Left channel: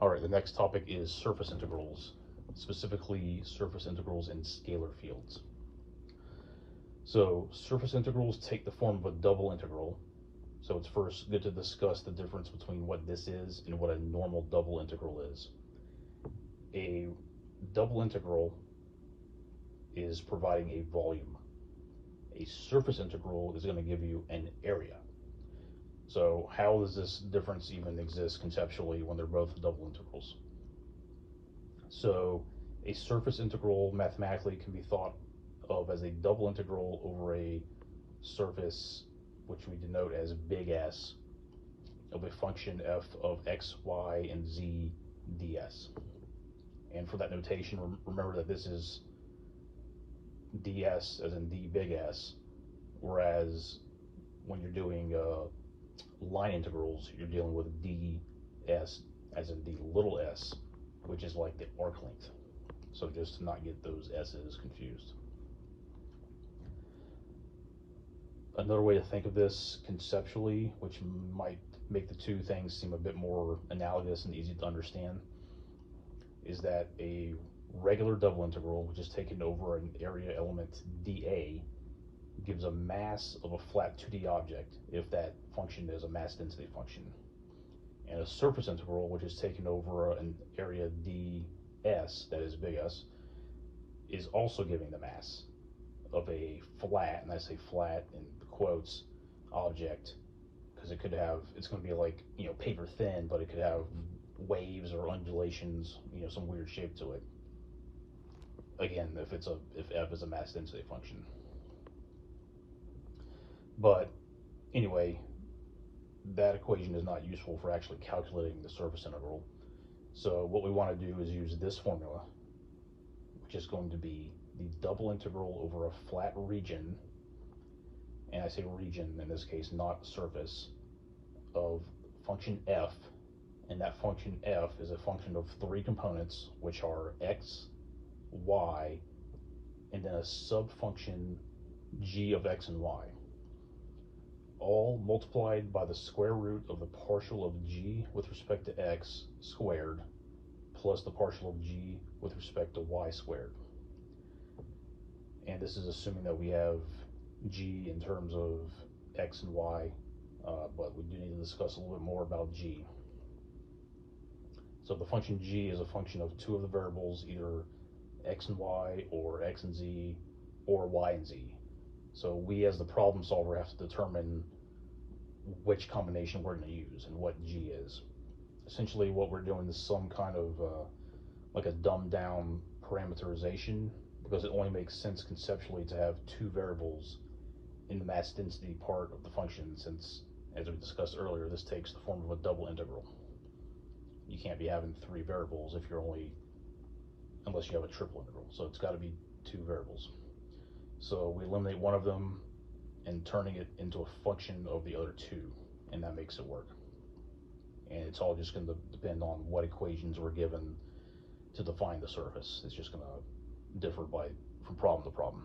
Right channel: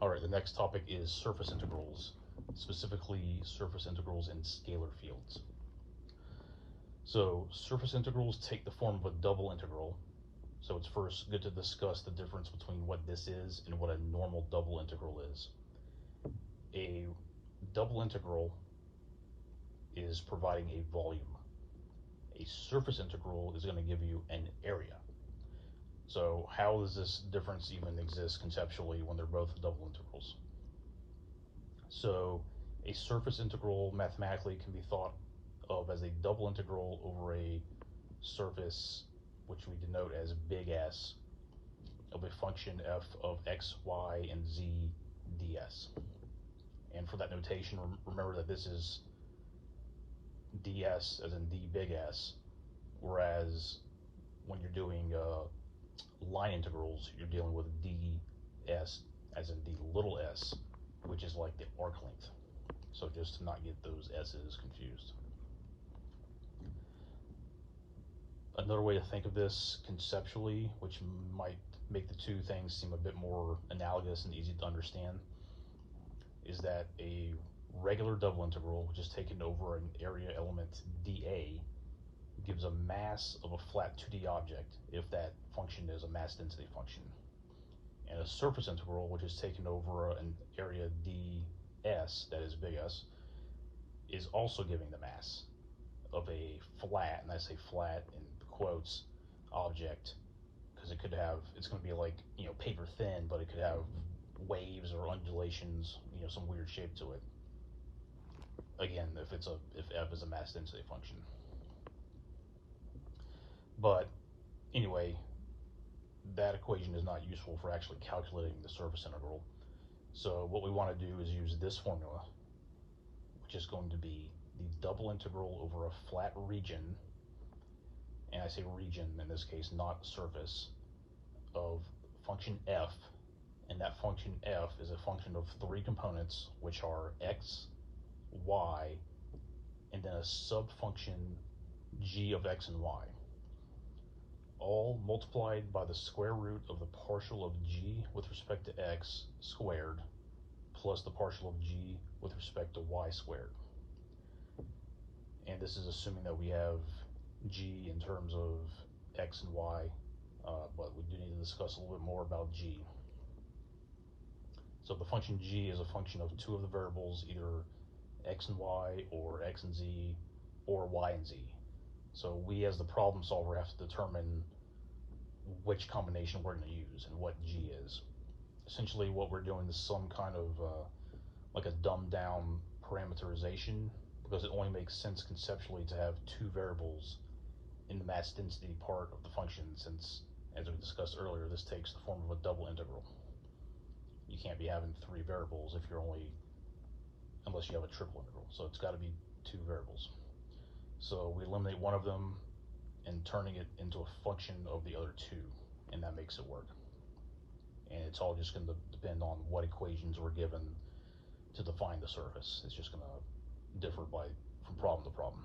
All right, the next topic is surface integrals, specifically surface integrals in scalar fields. So surface integrals take the form of a double integral. So it's first good to discuss the difference between what this is and what a normal double integral is. A double integral is providing a volume. A surface integral is going to give you an area. So how does this difference even exist conceptually when they're both double integrals? So a surface integral mathematically can be thought of as a double integral over a surface, which we denote as big S, of a function f of x, y, and z ds. And for that notation, remember that this is ds as in d big S, whereas when you're doing line integrals, you're dealing with ds as in d little s, which is like the arc length. So just to not get those s's confused. Another way to think of this conceptually, which might make the two things seem a bit more analogous and easy to understand, is that a regular double integral, which is taken over an area element dA, gives a mass of a flat 2D object if that function is a mass density function. And a surface integral, which is taken over an area ds, that is big S, is also giving the mass of a flat, and I say flat in quotes, object, because it could have, it's going to be like, paper thin, but it could have waves or undulations, some weird shape to it. Again, if f is a mass density function. But anyway, that equation is not useful for actually calculating the surface integral. So what we want to do is use this formula, which is going to be the double integral over a flat region, and I say region in this case, not surface, of function f, and that function f is a function of three components, which are x, y, and then a subfunction g of x and y, all multiplied by the square root of the partial of g with respect to x squared plus the partial of g with respect to y squared. And this is assuming that we have g in terms of x and y, but we do need to discuss a little bit more about g. So the function g is a function of two of the variables, either x and y, or x and z, or y and z. So we as the problem solver have to determine which combination we're going to use and what g is. Essentially what we're doing is some kind of like a dumbed down parameterization, because it only makes sense conceptually to have two variables in the mass density part of the function, since, as we discussed earlier, this takes the form of a double integral. You can't be having three variables if you're only, unless you have a triple integral. So it's got to be two variables. So we eliminate one of them and turning it into a function of the other two, and that makes it work. And it's all just going to depend on what equations we're given to define the surface. It's just going to differ from problem to problem.